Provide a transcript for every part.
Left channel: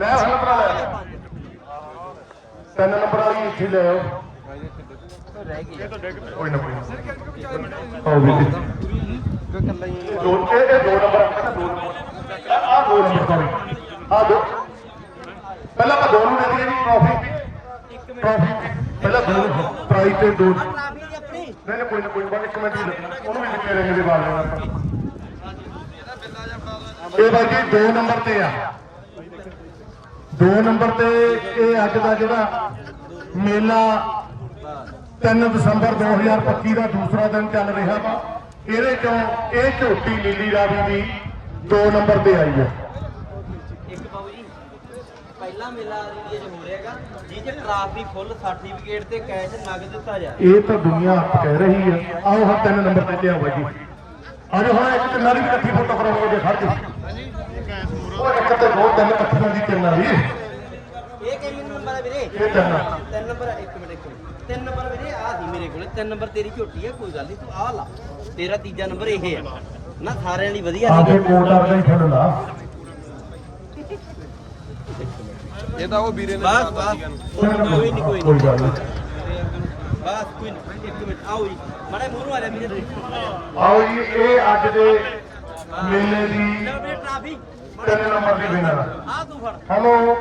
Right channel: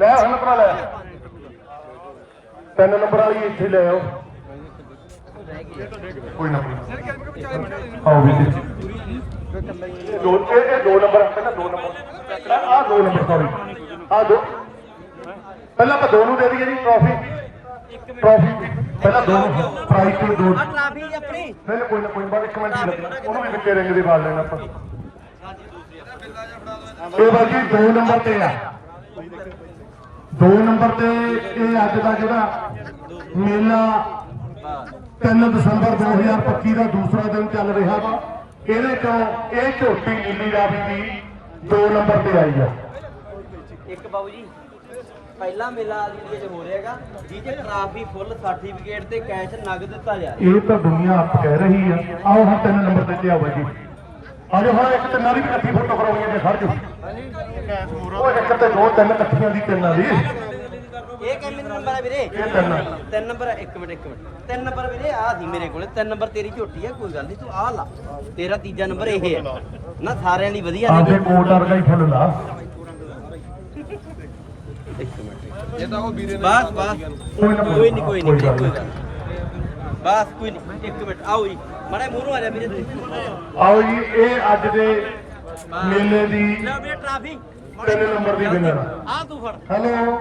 ਲੈ ਹਲਕ ਨਾਲ ਲੈ। ਤਿੰਨ ਨੰਬਰ ਵਾਲੀ ਇੱਥੇ ਲੈ ਆਓ ਕੋਈ ਨਾ ਕੋਈ ਨਾ। ਆਓ ਵੀ ਜੋੜ ਕੇ ਤੇ ਦੋ ਨੰਬਰ ਆ ਦੋ ਨੰਬਰ ਸੌਰੀ ਆ ਦੋ। ਪਹਿਲਾਂ ਆਪਾਂ ਦੋ ਨੂੰ ਦੇ ਦਈਏ ਜੀ ਟਰਾਫੀ ਟਰਾਫੀ ਪਹਿਲਾਂ ਦੋ ਪ੍ਰਾਈਜ਼ ਤੇ ਦੋ। ਲਾਫੀ ਆਪਣੀ। ਨਹੀਂ ਨਹੀਂ, ਕੋਈ ਨਾ ਕੋਈ ਨਾ ਬਸ ਇੱਕ ਮਿੰਟ ਹੀ ਲੱਗਣਾ ਉਹਨੂੰ ਵੀ ਤੇਰੇ ਮੇਰੇ ਵਾਲ ਲੈਣਾ ਇਹ ਬਾਈ ਜੀ ਦੋ ਨੰਬਰ ਤੇ ਆ। ਦੋ ਨੰਬਰ ਤੇ ਇਹ ਅੱਜ ਦਾ ਜਿਹੜਾ ਮੇਲਾ 3 ਦਸੰਬਰ 2025 ਦਾ ਦੂਸਰਾ ਦਿਨ ਚੱਲ ਰਿਹਾ ਵਾ ਇਹਦੇ ਤੋਂ ਇਹ ਝੋਟੀ ਨੀਲੀ ਰਾਵੀ ਦੀ ਦੋ ਨੰਬਰ ਤੇ ਆਈ ਹੈ ਇੱਕ ਬਾਬੂ ਜੀ ਪਹਿਲਾ ਮੇਲਾ ਇੰਡੀਆ 'ਚ ਹੋ ਰਿਹਾ ਹੈਗਾ ਜੀ ਜੇ ਟਰਾਫੀ ਫੁੱਲ ਸਰਟੀਫਿਕੇਟ ਤੇ ਕੈਸ਼ ਨਗਦ ਦਿੱਤਾ ਜਾ ਰਿਹਾ। ਇਹ ਤਾਂ ਦੁਨੀਆ ਹੱਥ ਕਹਿ ਰਹੀ ਹੈ ਆਓ ਹਾਂ ਤਿੰਨ ਨੰਬਰ ਤੇ ਲਿਆਓ ਜੀ। ਅਰੇ ਹੁਣ ਇੱਕ ਤੇ ਨਾਲੀ ਵੀ ਇਕੱਠੀ ਫੋਟੋ ਕਰਾਂਗੇ ਜੇ ਖੜ ਹਾਂਜੀ। ਉਹ ਇੱਕ ਤੇ ਦੀ ਤਿੰਨ ਵਾਲੀ ਇਹ ਕਿੰਨੇ ਨੰਬਰ ਹੈ ਵੀਰੇ? ਇਹ ਤਿੰਨ ਨੰਬਰ। ਤਿੰਨ ਨੰਬਰ ਇੱਕ ਮਿੰਟ ਇੱਕ ਮਿੰਟ। ਤਿੰਨ ਨੰਬਰ ਵੀਰੇ ਆ ਸੀ ਮੇਰੇ ਕੋਲੇ। ਤਿੰਨ ਨੰਬਰ ਤੇਰੀ ਝੋਟੀ ਹੈ ਕੋਈ ਗੱਲ ਨਹੀਂ ਤੂੰ ਆ ਲਾ। ਤੇਰਾ ਤੀਜਾ ਨੰਬਰ ਇਹ ਹੈ ਨਾ ਸਾਰਿਆਂ ਲਈ ਵਧੀਆ ਆਂਦੇ ਨੇ ਕੋਟਰ ਦੇ ਫੁੱਲ ਲਾ। ਇਹ ਤਾਂ ਉਹ ਵੀਰੇ ਨੇ ਬਸ ਬਸ। ਕੋਈ ਨਹੀਂ ਕੋਈ ਨਹੀਂ ਬਸ ਕੋਈ ਨਹੀਂ ਇੱਕ ਮਿੰਟ ਆਓ ਜੀ। ਮੜੇ ਮੂੰਹ ਨੂੰ ਆ ਜਾ ਵੀਰੇ। ਆਓ ਜੀ ਇਹ ਅੱਜ ਦੇ ਮੇਲੇ ਦੀ ਲੈ ਵੀਰੇ ਟਰਾਫੀ ਤਿੰਨ ਨੰਬਰ ਦੀ ਵਿਨਰ ਆ ਤੂੰ ਫੜ। ਹੈਲੋ?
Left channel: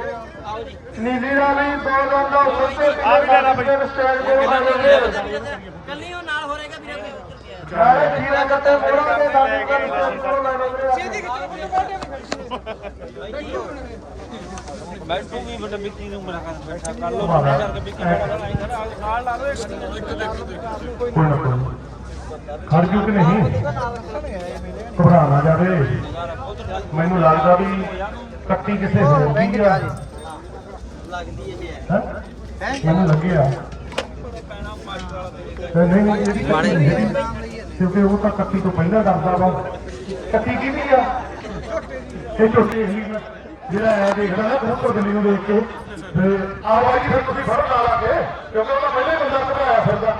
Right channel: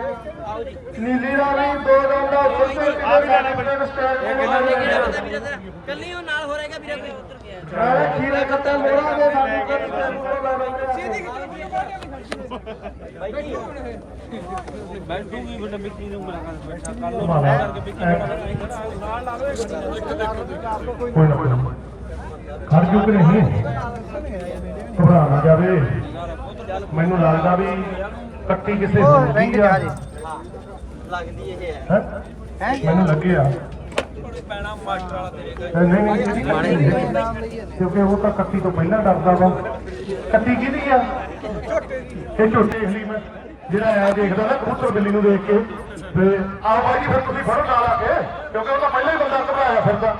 ਆਓ ਜੀ। ਨੀਲੀ ਰਾਵੀ ਦੋ ਦਾ ਉੱਤੇ ਤੇ ਆ ਵੀ ਲੈਣਾ ਕਿਹੜਾ ਬੰਦਾ ਵੀਰੇ ਤੇਰਾ ਕੱਲੀ ਉਹ ਨਾਲ ਹੋ ਰਹੇਗਾ ਵੀਰੇ ਕੋਈ? ਸਾਰੇ ਠੀਕਾ ਕੱਟੇ ਮੋੜਾ ਦੇ ਬਾਈ ਜੀ। ਖੜ ਜੂ ਕਿ ਨਹੀਂ? ਘਬਰਾ ਨਾ ਜਾਵੇ। ਮੈਨੂੰ ਲੱਗਦਾ ਵੀ ਕੱਟੀ ਕਿਸੇ ਹੋਰ ਦੀ ਆ। ਲੱਗਦੀ ਇਹ। ਹੈ? ਹੈ ਮੈਨੂੰ ਲੱਗਿਆ ਕਿਉਂਕਿ ਉਹ ਤਾਂ ਕੱਟੀ ਤੋਂ ਪਹਿਲਾਂ ਡਰਦਾ ਵਾ। ਕੱਟੀ ਕਿਹਦੀ ਆ? ਇਹ ਝੋਟੇ ਹਲੀ ਮੈਂ ਜਿਹੜਾ ਐਂ ਦੇਖਦਾ ਨਾ ਕਬੂਤਰ ਦਿੱਲੀ ਨੂੰ ਦੇਖ ਕੇ। ਤੇ ਆ ਵਾਰੀ ਫਿਰ ਤੁਸੀਂ ਫੜ ਲਾ ਲਾਂਗੇ ਕਿਉਂਕਿ ਉਹ ਪਹਿਲੇ ਬੰਦਾ ਘਟਾਇਆ ਫਿਰਦਾ।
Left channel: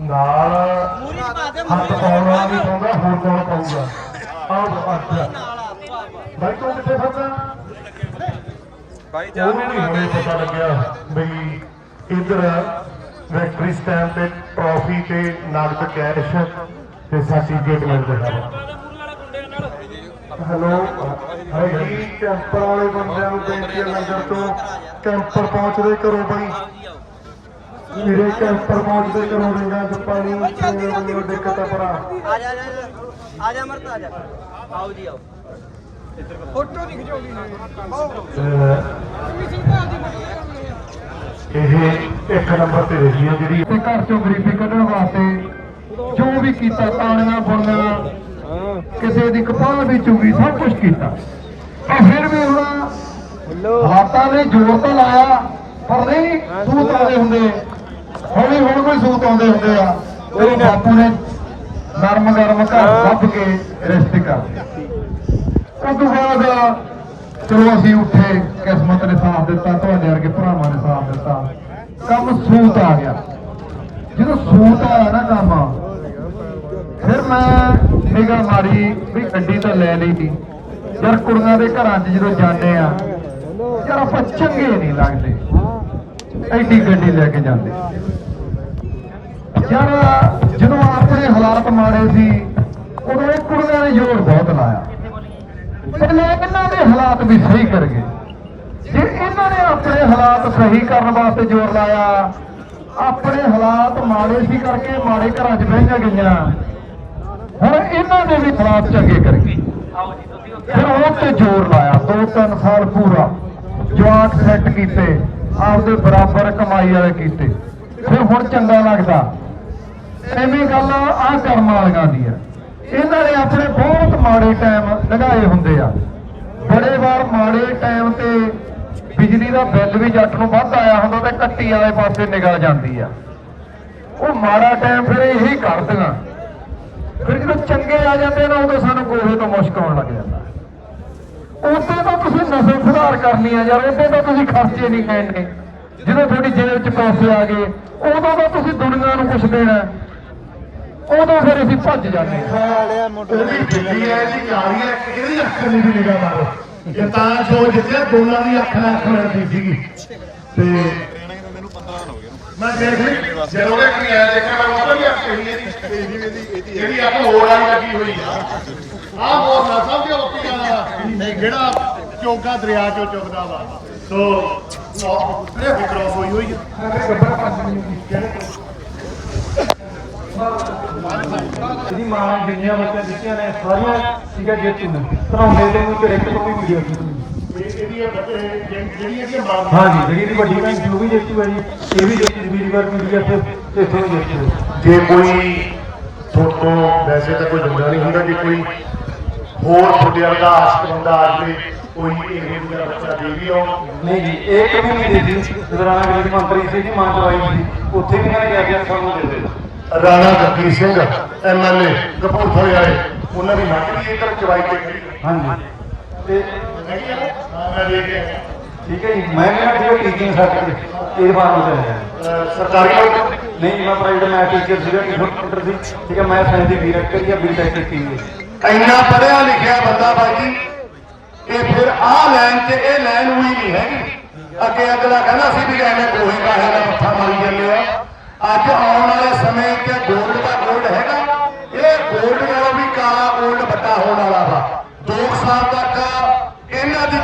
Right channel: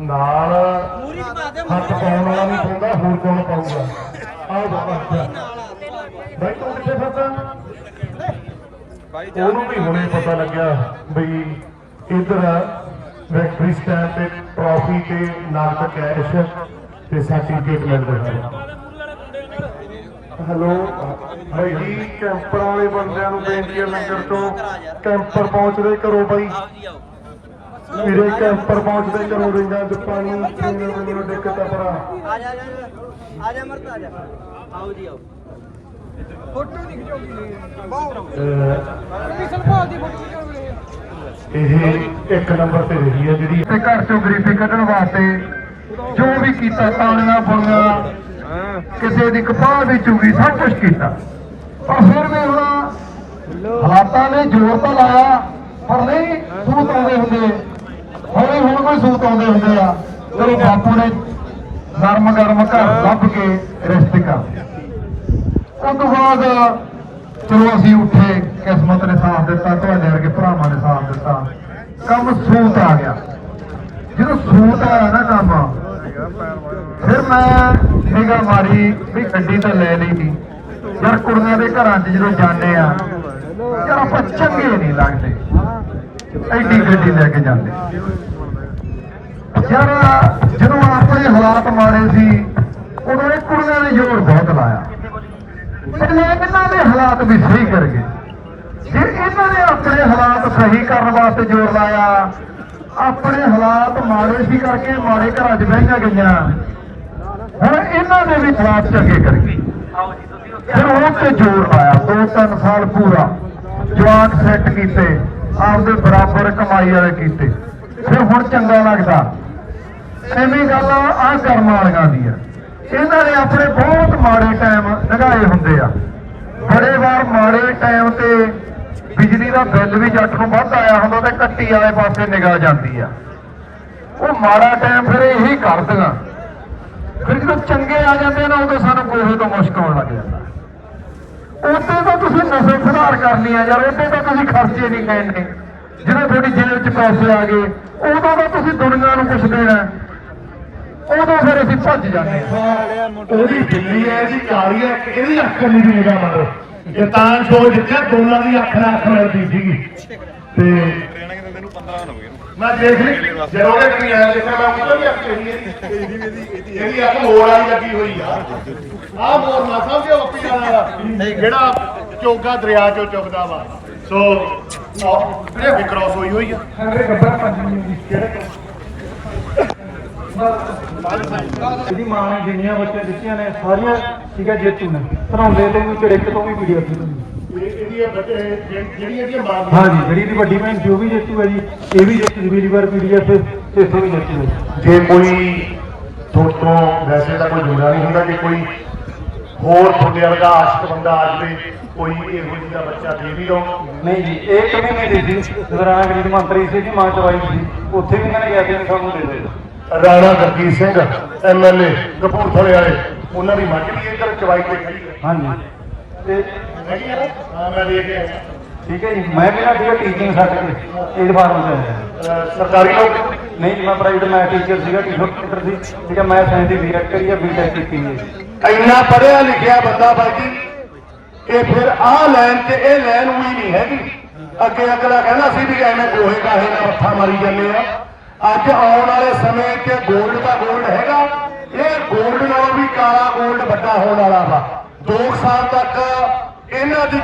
ਨਾਲ ਹੱਥ ਪਾਉਣ ਵਾਲਾ ਨਹੀਂ ਪਾਉਂਦਾ ਹੋਰ ਕੌਣ ਪਾਊਗਾ? ਆਹ ਅੱਛਾ ਬਾਈ ਤੂੰ ਕਿੱਥੇ ਫਿਰਦਾ ਉਹਨੂੰ ਵੀ ਹੁਣੇ ਪਤਾ ਲੱਗਿਆ ਵੀ ਇਧਰ ਵੈਕਟਰੀ ਸਟੈਂਡ ਤੇ ਟਰਾਫੀ ਤੇ ਨਾਲ ਕੈਸ਼ ਤੇ ਸਰਟੀਫਿਕੇਟ ਮਿਲਦੇ ਹਨ। ਹੈਲੋ? ਭਾਈ ਜੀ ਕੈਂਪਰ ਵਾਲੇ ਬੰਦੇ ਨੂੰ ਬੇਨਤੀ ਹੈ ਮੰਦਰ ਤੋਂ। ਕੈਂਪਰ ਪਹੁੰਚਦੇ ਕਰੋ ਬਾਈ। ਮੇਰੇ ਕੈਂਪਰ ਪਹੁੰਚਦੇ ਕਰੋ ਰਿੰਗਾਂ 'ਚ ਪਾਣੀ ਦਿੱਕਤ ਆ ਬੜਾ ਆ ਜਾ ਆ ਜਾ। ਆ ਜਾ ਆਓ ਇਹ ਇੱਕ ਨੰਬਰ ਤੇ ਰਹੀ ਹੈ ਜਿਹੜੀ ਤੇ ਘਰ ਚੋਂ ਗਰੀਬੀ ਕੱਢਣ ਵਾਸਤੇ ਜੋ ਵੀ ਕੀਤਾ ਤਾਲੀਆਂ ਬੁਣੀਆਂ ਕਿਸੇ ਦੀ ਕਪਾਹ ਵੀ ਚੁਗੀ ਸਭ ਕੁਝ ਕੀਤਾ। ਪਰ ਫਿਰ ਵੀ ਹੁਣ ਹਾਲਾਤਾਂ ਨੇ ਜ਼ੋਰ ਤਾਂ ਲਾਇਆ ਪਰ ਨਹੀਂ ਸੂਤ ਹੁੰਦੇ। ਹੌਲੀ ਹੁਣ ਹੁੰਦੇ ਆ, ਉਹ ਬਾਪੂ ਨੇ ਨਰਮ ਗਰਮ ਘਰ ਲੱਭ ਕੇ ਰਿਸ਼ਤੇ ਕਰ ਉਸ ਤੋਂ ਬਾਅਦ ਚਲੋ ਅਸੀਂ ਉੱਠੇ, ਕਿਸਮਤ ਨੇ ਸਾਥ ਦਿੱਤਾ ਤੁਹਾਡੇ ਵਰਗੇ ਭਰਾਵਾਂ ਨੇ ਸਾਥ ਦਿੱਤਾ, ਕੰਮ ਸੂਤ ਆ ਗਿਆ। ਜਦੋਂ ਸੂਤ ਆਇਆ ਨਾ ਕੰਮ, ਫਿਰ ਮੈਂ ਨਿਗਰ ਮਾਰੀ ਵੀ ਗੱਡੀ ਤਾਂ ਲੈ ਲਈ ਸੀ ਯਾਰ ਕੁੜੀਆਂ ਦੇ ਘਰਾਂ 'ਚ ਜਦੋਂ ਜਾਂਦੇ ਆ, ਯਾਰ ਆਪਾਂ ਚੰਗੇ ਨਹੀਂ ਲੱਗਦੇ। ਐਡੀ ਗੱਡੀ ਲੈ ਕੇ ਜਾਂਦੇ ਯਾਰ ਜਦੋਂ ਆਪਣੇ ਹਾਲਾਤ ਮਾਰੇ ਸੀ ਉਦੋਂ ਇਹ ਕੁੜੀਆਂ ਨੇ ਜ਼ੋਰ ਬਹੁਤ ਲਾਇਆ ਪਹਿਲੇ ਇਹਨਾਂ ਦੇ ਹਾਲਾਤ ਵੀ ਸਹੀ ਕਰ ਗਏ ਜੇ ਇਹਨਾਂ ਨੇ ਆਪਣੇ ਹਾਲਾਤ ਸਹੀ ਕਰਨ ਵਾਸਤੇ ਜ਼ੋਰ ਲਾਇਆ ਆਪਣੇ ਹਾਲਾਤ ਮਾੜੇ ਸੀ ਕਰਕੇ ਮਾੜੇ ਘਰਾਂ 'ਚ ਬਹਿ ਗਈਆਂ ਹੁਣ ਇਹਨਾਂ ਦੇ ਵੀ ਹਾਲਾਤ ਚੰਗੇ ਕਰ ਫਿਰ ਉਹ ਤੇ ਜ਼ੋਰ ਲਾਇਆ ਦੋ ਤਿੰਨ ਸਾਲ ਪੂਰਾ। ਜਵਾਕ ਸੈੱਟ ਕੀਤੇ, ਆਪਦੇ ਬਰਾਬਰ ਕਮਾਈ ਵਾਲੇ ਕੀਤੇ। ਫਿਰ ਹੁਣ ਚੰਗਾ ਲੱਗਦਾ। ਐਵੇਂ ਗੱਲ ਆ ਕਰਨ ਵਾਲੀਆਂ ਦੀ ਆ। ਇਹਨਾਂ ਨੇ ਆਪਣੇ ਬਹੁਤ ਮਾੜੇ ਟਾਈਮ ਲੰਘਾਏ ਹੁੰਦੇ ਆ। ਬੜੇ ਵਾਰ ਮਾੜੇ ਟਾਈਮ ਤੇ ਬਿਜਲੀ ਦਾ ਬਿੱਲ ਵੀ ਜੱਟ ਨੂੰ ਵੱਧ ਆਇਆ ਹੁੰਦਾ ਤੇ ਕੱਟੀ ਵਾਲੇ ਪਾਸੇ ਨਿਗਾਹ ਜਾਂਦੀ ਆ। ਉਹ ਮਾੜਾ ਟਾਈਮ ਫਿਰ ਇਹੀ ਕਰਦੀਆਂ। ਫਿਰ ਚੰਗੇ ਆ ਜਾਂਦੇ ਨੇ, ਉਦੋਂ ਸਾਨੂੰ ਕੋਹੇ ਤੋਂ ਮੁਸ਼ਕ ਆਉਣ ਲੱਗ ਜਾਂਦਾ। ਉਦੋਂ ਤਾਂ ਤੁਸੀਂ ਨਸ਼ੇ ਸੁਧਾਰ ਕਰਨੀ ਆ ਯਾਰ ਉਦੋਂ ਤਾਂ ਤੁਸੀਂ ਖਰਚੇ ਨਹੀਂ ਕਰਨੇ ਜਦੋਂ ਤੁਹਾਡੀ ਜੇਬ 'ਚ ਪੈਸੇ ਆ ਗਏ, ਉਦੋਂ ਤਾਂ ਤੁਸੀਂ ਦੁਨੀਆ ਨੂੰ ਕੁਝ ਦੇਣਾ। ਉਦੋਂ ਫਿਰ ਅਸੀਂ ਭੱਜ ਜਾਂਦੇ ਹਾਂ ਉਹਦੀ ਦਿੱਲੀ ਹੈ ਜੀ ਕਾਲੀ ਹੈ ਕਿਹਦੀ ਅੱਖ ਨੂੰ ਜਿਹੜਾ ਮਾਰੋ ਇਹ ਤਾਂ ਜੋ ਜਿੱਤਿਆ, ਦੋਨਾਂ ਦੀ ਅੱਖ ਨਾਲ ਅੱਖ ਮਿਲਦੀ ਸੀ ਤੇ ਟ੍ਰੇਨਿੰਗ ਦਿੰਦੇ ਨੂੰ 15 ਦਿਨ ਹੋ ਗਏ ਨੇ ਮੈਂ ਦੇਖ ਲਈ। ਜਦੋਂ ਉਹਦੇ ਕੀ ਆਇਆ ਦੇਖਿਆ ਮੈਂ ਉੱਪਰ ਵੀ ਅੱਖ ਇਹਦੀ ਇਹਦੀ ਇਹਦੀ ਅੱਖ ਮੋਰ ਵਾਲੀ ਲੱਗੀ ਹੋਈ ਆ। ਆਹ ਮੋਰ ਨਾ ਸਮਝਿਓ ਆਪੀ ਵਾਲਾ ਜਿਹੜਾ ਚੋਗਾ ਦਰਿਆ ਚੋਂ ਚੁਗਦਾ ਵਾ। ਸੋ ਇਹ ਵੀ ਕ੍ਰਾਸ ਹੋਈ ਹੋਈ ਆ। ਇਹਦੀ ਮਾਂ ਨੇ ਜਿੰਨੀਆਂ ਬੱਚੇ ਦਿੱਤੀਆਂ ਨੇ ਸਾਰੀਆਂ ਠੀਕ ਹੈ ਜੇਤੂ ਨੇ। ਪੜਾਉਂਦੇ ਦੇ ਵਿੱਚ ਇੱਕ ਤੋਂ ਵੀ ਵੀਡੀਓ ਇਹ- ਇਹਦੀ ਇਹ ਬੱਚੇ ਜਿਹੜੀ- ਜਿਹੜੀ ਇਹਦੀ ਮਾਂ ਹਾਂ ਜੀ ਜਿਹੜੀ ਦੀ ਵੱਡੀ ਭੈਣ ਜੋ ਵੀ ਜੇਤੂ ਹੈ ਜੀ ਇਹ ਵੀ ਜੇਤੂ ਵੀਡੀਓ ਕਰ ਪੀਡੀਐਫ ਤੇ ਇੱਥੇ ਵੀ ਜੇਤੂ ਹੈ ਜੇ ਕੋਈ ਤੁਹਾਡੇ ਤੋਂ ਵੈਸੇ ਤਾਂ ਕੋਈ ਦਿੰਦਾ ਨਹੀਂ ਹੁੰਦਾ ਜੇ ਕੋਈ ਹੋਰ ਤੁਹਾਡੇ ਵਰਗਾ ਆਸ਼ਕ ਬੰਦਾ ਆ ਜਾਵੇ ਕੋਈ ਇਹੋ ਜਿਹਾ ਬੱਚਾ ਦੇ ਵੀ ਆਉ ਨਹੀਂ ਜੀ ਇਹ ਕभी ਨਹੀਂ ਦੇ ਸੀ ਦਰਾਨਾ ਗਰੀ ਦੀ ਮੰਤਰੀ ਸੀ ਦੀ ਮਾਂ ਚਵਾਈ ਸੀ ਉੱਥੇ ਵੀ ਨਾ ਗਿਆ ਗਿਆ ਸਾਨੂੰ ਦੇ ਦੇ ਰਾਣਾ ਜਗਦੀਪ ਸਿੰਘ ਐਮਐਲਏ ਕਪੂਰਥਲੇ ਵਾਲੇ ਉਹਨਾਂ ਦੀ ਮੱਝ ਵੀ ਇਹਦੇ ਚਵਾਈ ਤੇ ਖੜੀ ਹੈ ਹਾਂ ਜੀ ਤੇ ਹੈਗੀ ਆ ਮੈਂ ਦੇ ਕੇ ਠੀਕ ਹੈ ਜੀ ਮੈਂ ਕਹਿੰਦਾ ਜੀ ਟੀਚਿੰਗ ਸਰਟੀਫਿਕੇਟ ਇਹਦੇ ਬਾਅਦ ਹੋ ਜਾਣਾ ਸਰਕਾਰੀ ਨਹੀਂ ਮੈਂ ਪ੍ਰਾਈਵੇਟ ਮੈਂ ਟੀਚਰ ਸੀਗਾ ਕੰਪਿਊਟਰ ਦੀ ਠੀਕ ਹੈ ਮੈਂ ਸਾਇੰਸ ਦੀ ਬੀ ਰੈਕ ਕਰੀ ਆ ਬੀ ਟੈਕ ਕੀਤੀ ਹੈ ਇੰਨਾ ਪੜਿਆ ਲਿਖਿਆ ਬੰਦਾ ਬਾਜੀ ਇਹ ਫਿਰ ਆ ਲਾਈਨ ਤੇ ਇਹ ਲਾਈਨ ਵੀ ਨਹੀਂ ਹੈਗੀ। ਅੱਗੇ ਅਗਲਾ ਕਹਿੰਦਾ ਸੀ ਵੀ ਐਵੇਂ ਕੋਹੇ ਕਾਹੇ ਦਾ ਪੱਥਰ ਮਾਰੀ ਜਾਂਦੇ ਆ। ਅੱਜ ਆਉਣ ਵਾਲੇ ਸਮੇਂ 'ਚ ਗੋਲਡ ਦਾ ਗੋਲਡ ਹੈਗਾ। ਇਹ ਗੋਲਡ ਨਾਲੋਂ ਵੀ ਕਾਲਾ ਗੋਲਡ ਵੱਡਾ ਹੋਣ ਵਾਲਾ ਵਾ। 2 ਸਾਲ ਦਾ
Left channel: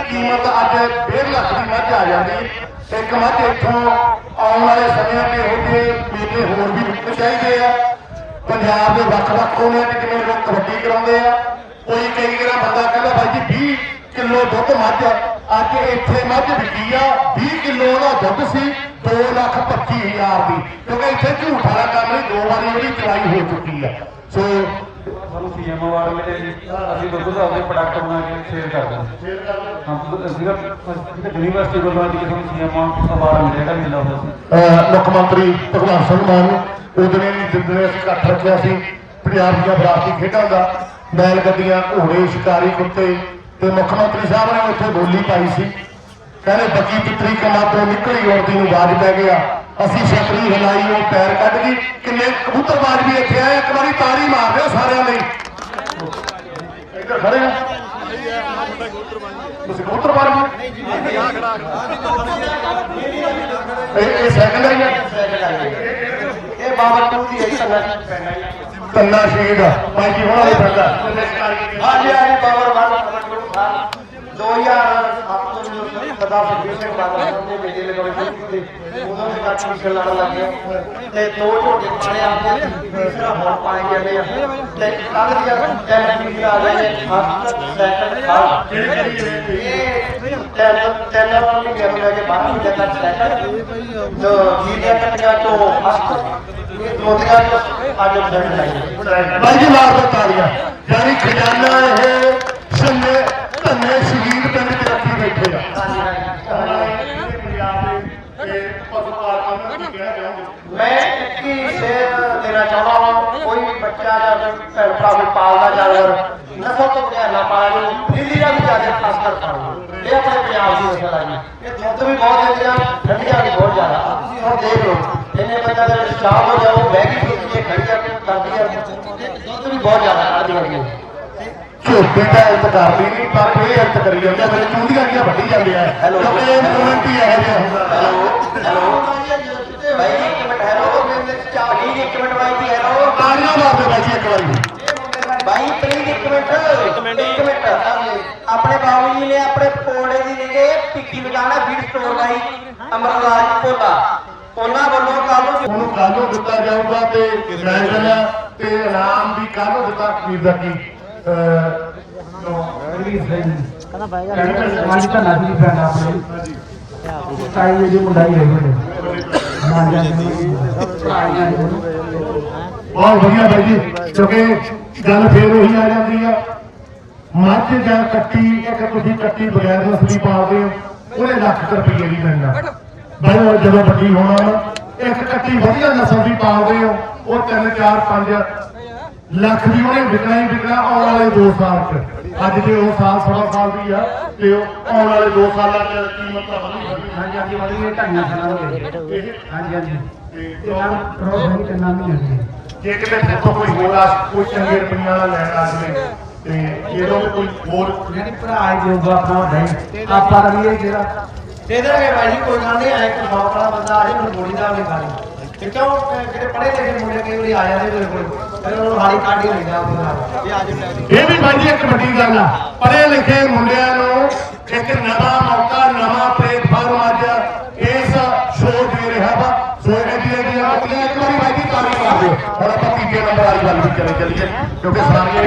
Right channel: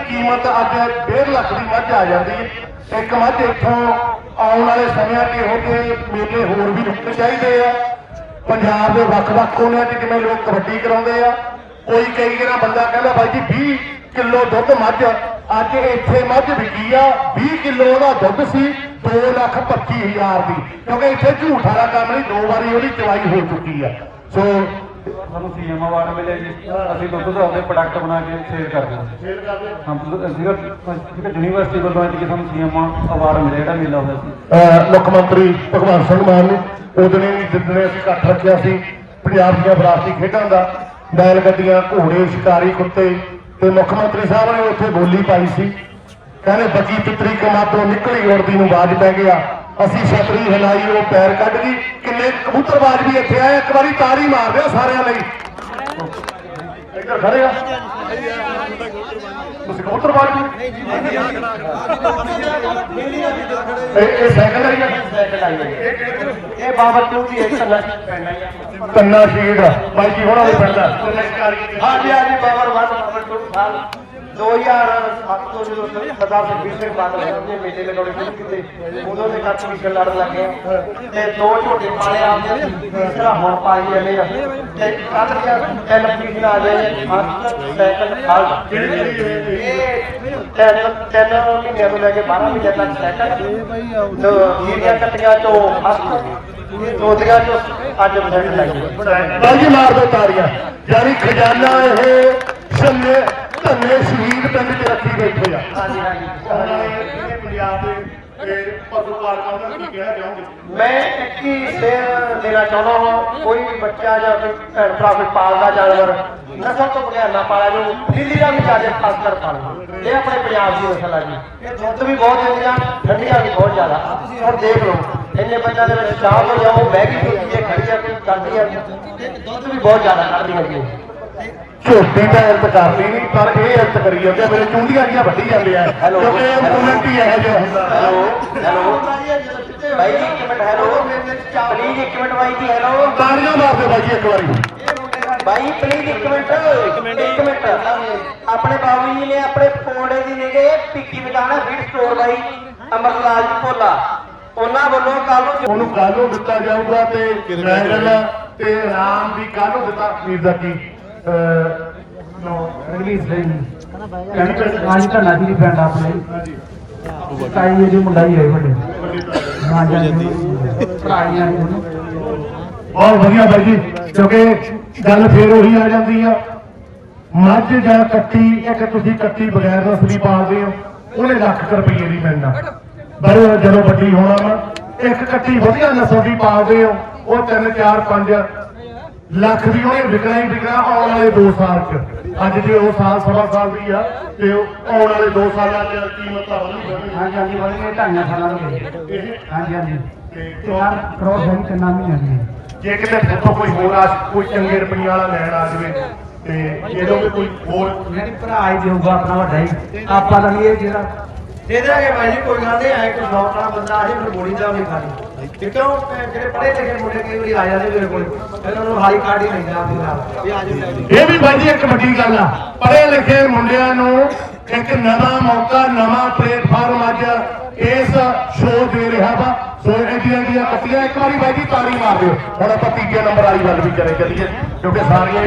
ਕੀਮਤ ਅੱਜ 1.5 ਲੱਖ ਦੀ ਮੱਝ ਆ ਜਾਂਦੀ ਇੱਕ ਮੱਝ ਇੱਥੋਂ ਆਉਣ ਵਾਲੇ ਸਮਿਆਂ 'ਚ ਇਹੋ ਜਿਹੇ ਮੇਲੇ ਹੋਰ ਵੀ ਨਿਕਲ ਚਾਹੀਦੇ ਆ। ਪੰਜਾਬ ਦੇ ਵੱਖ-ਵੱਖ ਕੋਨਿਆਂ 'ਚ ਜਿਵੇਂ ਲੋਕ ਕਬੱਡੀ ਕਰਾਉਂਦੇ ਆ, ਕੋਈ ਕਈ ਵਾਰ ਬੰਦਾ ਕਹਿੰਦਾ, ਬਾਈ ਜੀ 20 ਕਿਲੋ ਦੁੱਧ ਮੱਝ ਅੱਜ ਇੱਥੇ ਮੱਝ ਵਿਕੀ ਆ 20 ਕਿਲੋ ਦਾ ਦੁੱਧ ਸੀ 2 ਲੱਖ 25 ਹਜ਼ਾਰ ਦੀ। ਕਿਉਂਕਿ ਇੱਥੇ ਝੂਠ ਵਾਲਾ ਕੰਮ ਨਹੀਂ, ਦੋ ਵਾਰੀ ਉਹਦੀ ਚਲਾਈ ਹੋ ਚੁੱਕੀ ਆ। ਸੋ ਤੁਹਾਨੂੰ ਸੀਐਮ ਅਵਾਰਡ ਮਿਲੇ ਜੀ। ਅਸੀਂ ਬੱਚੇ ਆਪਣੇ ਪ੍ਰੋਡਕਟ ਬਣਾ ਕੇ ਸੇਲ ਕਰਦੇ ਹਾਂ। ਹਾਂ ਅਸੀਂ ਯੂਨੀਵਰਸਿਟੀ ਤੋਂ ਬਾਅਦ ਕਿਸੇ ਸੀਐਮ ਅਵਾਰਡ ਮਿਲੇਗਾ ਮਿਲਦਾ ਹੋਇਆ ਮੁੱਖ ਮੰਤਰੀ ਭਗਵੰਤ ਸਿੰਘ ਮਾਨ ਨੂੰ ਉਹਦੇ ਜਿੰਨੇ ਇਕੱਠ ਰੱਖਿਆ ਸੀ। ਪੰਜਾਬ ਦੀਆਂ ਵਿਰਾਸਤੀ ਖੇਡਾਂ ਦਾ। ਬੈਲ ਗੱਡੀਆਂ, ਘੋੜੇ, ਸ਼ਿਕਾਰੀ, ਕੁੱਤੇ ਤੇ ਮੁੱਖ ਮੰਤਰੀ ਸਾਹਿਬ ਨੇ ਉੱਥੇ ਬੋਲੀ ਪਾਈ ਸੀ। ਕਹਿੰਦੇ ਬੱਗੀ ਪਿੱਤਰੀ ਕਲਾ ਤੋਂ ਨਿਕਲੀ ਉੜਦੀ ਨੂੰ ਬਾਜ ਪੈ ਗਿਆ। ਅਸੀਂ ਛਤਰੀ ਹਿਲਾਈ ਉਹ ਪੈਰ ਕੱਢ ਗਈ। ਕਿੰਨੇ ਕਬੂਤਰਬਾਜ਼ ਵੀ ਇੱਥੇ ਆਏ, ਇੱਕ ਵਾਰੀ ਤਾੜੀ ਮਾਰ ਦਿਓ ਸਾਰਿਆਂ ਲਈ। ਇੱਧਰ ਖੜੇ ਆ। ਤੁਸੀਂ ਕਬੂਤਰਬਾਜ਼ ਨੂੰ ਇਹ ਇਹ ਸਾਈਕਲ ਆਈ ਆ ਇਹ ਬਾਬਾ ਟੂ ਦੀ ਇੱਕ ਕੰਨਾ ਸ਼ੀਰ ਦਾ ਭਾਈ ਜੀ ਹੋਣਾ ਦੇ ਫਿਰਦਾ ਹਾਂਜੀ ਹਾਂਜੀ, ਬਾਬਾ ਰਾਮ 2007 ਤੋਂ ਜਦੋਂ ਸਰਦਾਰ ਸੁਖਬੀਰ ਸਿੰਘ ਬਾਦਲ ਦੇ ਬੇਟੇ ਦੇ ਬੜੇ ਕੀਤੀ। ਤੇ ਉਦੋਂ ਬੱਚੇ ਮਿਸ਼ਨ ਲੜ ਲੱਗੇ ਤੇ ਦੋ ਝੋਟੇ ਪਾਏ ਆਪਨੇ ਤੀਸਰਾ ਹੁਣ ਪਾਈ ਜਾਂਦੇ ਆ। ਤੇ ਕੱਲ ਦੀ ਐਲਪੀ ਆ ਗਈ ਕਿਹੜੀ ਕਿਹੜੀ ਇਹ ਤਿੰਨ ਤਿੰਨ ਉਹਨੇ ਕਿਹਾ ਕਿ ਬਾਹਰ ਵੀ ਜਾਣਾ ਸੈਟ ਜੋ ਜੀਰੀਆ ਕੱਟਿਆ ਤੋਂ ਇਹ ਦੋ ਦਿਨਾਂ ਤੋਂ ਅੱਜ ਅੰਦਰ ਜਾਈਏ ਭਾਈ ਜੀ ਮਾਰ ਦੋ ਤਾੜੀਆਂ। ਯਾਨੀ ਖਜ਼ਾਨਾ ਇਹ ਸੰਨੇ ਧੰਨੇ ਸ਼ਹੀਦ ਪਿੰਡ ਚ ਰੱਖੀ ਬੈਠੇ ਆ। ਇਹ ਪਸ਼ੂ ਪਾਲਕਾਂ ਨੂੰ ਕੀ ਕਹਿਣਾ ਚਾਹੋਗੇ? ਮੈਂ ਇੱਕ ਹੀ ਸ਼ੇਰ ਦੇਣਾ ਚਾਹੁੰਦਾ ਹਾਂ, ਕੋਈ ਵੀ ਬੱਚਾ ਜਾਂ ਕੋਈ ਭੈਣ ਭਰਾ ਨੂੰ ਪਾਲਣਾ ਜਾਵੇ ਨਸ਼ਾ ਤੋਂ ਬਗੈਰ ਨਾ ਪਾਲੋ ਦਿੱਲੀ ਦਾ ਵੀ ਜਾ ਕੇ ਖਾਸ ਕਰ ਪਾਲੋ। ਇਹ ਆਪਣੇ ਪੰਜਾਬ ਦੀ ਅਸਲ ਹੈ ਇਹ ਦੁੱਧ ਵੀ ਬਹੁਤ ਦਿੰਦੇ ਆ, ਠੰਡੀਆਂ ਵੀ ਬਹੁਤ ਜ਼ਿਆਦਾ। ਆਹ ਤੁਸੀਂ ਹੁਣ ਦੇਖ ਲਓ ਇਹਨੇ ਬੱਚਾ ਦੇ ਸ਼ਾਮ ਹੋ ਜਾਓ ਬੈਗੀ ਪੀਤੀ ਹੈ ਖੜੀ ਕਰਕੇ ਕਰਦੀ ਹੈ ਤੇ ਦੁੱਧ ਵੀ ਬਹੁਤ ਜ਼ਿਆਦਾ ਖਾਦੀ ਹੋਈ ਹੈ ਝੋਟੀ ਦਾ ਇੰਤ ਕਰਦੀ ਨਹੀਂ ਪਰ ਇਹ ਇੰਤ ਕਰੀ ਜਾਂਦੇ ਆ ਮੇਰੇ ਚੁੰਡੀਆਂ ਦੀਆਂ ਵੱਡੀ ਜਾਂਦੀਆਂ ਕਿਉਂਕਿ ਇਹ ਕਮੈਂਟ ਹੀ ਇਹ ਜਿਹਾ। ਹੁੰਦਾ ਭਾਈ ਇੱਕ ਮਿੰਟ ਹੈਲੋ ਮੇਰੇ ਚਾਲੀ ਇੱਕ ਮਿੰਟ ਵਾਈ ਦੀ ਹੈਲੋ ਤਾੜੀਆਂ ਮਾਰਦੇ ਬਾਈ ਜੀ ਇੱਕ ਵਾਰੀ। ਭਾਈ ਪਲੀਜ਼ ਇੱਕ ਮਿੰਟ। ਇੱਕ ਮਿੰਟ ਇੱਕ ਮਿੰਟ। ਆਪਣੇ ਬਾਬੂ ਜੀ ਨੇ ਆਪਣੇ ਕੋਲੇ ਦੀ ਨੇੜੇ ਟਿੱਕੀ ਦੁਕਾਨ ਬਿਟ ਸਟੋਰ ਲਈ ਅਮਰਲਾਲ ਜੀ ਕੋਲਾ ਉਹਨਾਂ ਵੱਲੋਂ ਕੱਲ ਨੂੰ ਉਹਨੂੰ ਕੱਲ ਨੂੰ ਦਿੱਤਾ ਜਾਊਗਾ ਤੇ ਮੈਂ ਕਹਿੰਦਾ ਤੇ ਰਾਮ ਦੀ ਕੱਲ ਨੂੰ ਦਿੱਤਾ ਖਰੀਦਾ ਕੀ ਬਹੁਤ ਵਧੀਆ ਬਾਈ ਜੀ ਕਿਉਂਕਿ ਗੱਲ ਫੇਰ ਉਹੀ ਆ ਜਾਂਦੀ ਆ। ਮੱਝ ਜਾਂ ਕੱਟੀ ਇੱਕ ਤੁਸੀਂ ਕੱਟੀ ਬਗੈਰ ਨਸਲੀ ਪਾਉਂਦੇ। ਹੋ ਉਹਨੇ ਲੱਖ ਰੁਪਏ ਦੀ ਮਿਲਣਾ ਬਾਈ ਉਹ ਜਦੋਂ ਵੱਡੀ ਹੋਣਾ ਵਾ ਇੱਕ ਕੱਟੀ ਵਧੀਆ ਨਸਲ ਦੀ ਪਾਉਂਦੇ ਹੋ ਉਹ 3 4 5 ਲੱਖ ਦੀ ਉਹਨੇ ਵਿਕਣਾ ਹੀ ਵਿਕਣਾ ਆਉਣ ਵਾਲੇ 2 ਸਾਲ ਚ। ਅੱਜ ਜੇ ਉਹ ਸਾਲ ਸਵਾ ਸਾਲ ਦੀ ਆ ਤੇ ਆਉਣ ਵਾਲੇ 2 ਸਾਲਾਂ ਚ ਕੀਮਤ ਹੋਣੀ। ਹਾਂ ਜਾਂਦੇ ਵਾਲੀ ਢੰਗਾ ਖਾਣਾ ਦੇ ਹਾਂ। ਜਾਂਦੇ ਤੇ ਕਿੰਨਾ ਕਰੋਸ ਹੈ ਕਿੰਨਾ ਨਹੀਂ ਹੈ ਜੇ ਕਿਤੇ ਫੋਟੋ ਕੋਈ ਹੋਵਾ ਕੋਈ ਚੰਗੇ ਰੁਪਈਆ ਵਾਲਾ ਲੈਣ ਆ ਜਾਵੇ ਤੇ ਜਦੋਂ ਵੀ ਕੋਈ ਹੋਰ ਨਹੀਂ ਭਰਾ ਹੀ ਦੇਊਗਾ ਆਪਣਾ ਨਹੀਂ ਆਪਾਂ ਲਈਏ ਜਿਹੜਾ। ਦੇ ਦੇਣਗੇ ਭਾਈ ਜੀ ਕੋਈ ਗੱਲ ਨਹੀਂ ਆਏ ਕੋਈ ਸ਼ੌਕ ਵਾਲਾ ਬੰਦਾ ਆ ਜੇ ਮੈਨੂੰ ਬੋਲੀ ਦਾ ਵੀ ਗੱਲ ਠੀਕ ਆ ਜਿਹੜੇ ਪੜ੍ਹੇ ਲਿਖੇ ਮੁੰਡੇ ਕਈ ਵਾਰੀ ਆ ਜਾਂਦੇ ਮੇਰੇ ਕੋਲ। ਫਿਰ ਉਹਨੂੰ ਹਾਲੀ ਕਾਢ ਹੀ ਲੈਂਦਾ ਫਿਰ ਇਹ ਆ ਜਾਂਦੇ ਇਹ ਵੀ ਬਾਈ ਜੀ ਇੱਕ ਵੱਡੀ ਗੱਲ ਆ। ਪੜ੍ਹੇ ਲਿਖੇ ਮੁੰਡਿਆਂ ਨੂੰ ਇੱਕ ਨਵਾਂ ਮੌਕਾ ਨਵਾਂ ਪਲੇਟਫਾਰਮ ਅੱਜ ਇਸ ਸ਼ੋਅ ਦੇ ਰਿਹਾ ਵਾ। ਸੋ ਇੰਡੀਆ ਦੀਆਂ ਕੱਟੀਆਂ ਇੱਕ ਵਾਰੀ ਬਾਈ ਤਾਲੀ ਮਾਰ ਦਿਓ। ਹੁਣ ਆਪਾਂ ਤੀਜੇ ਨੰਬਰ ਵਾਲੀ ਗੱਲ ਵੀ ਕਰੇ ਚੱਲੀਏ ਕਿਉਂਕਿ ਸਾਰੀਆਂ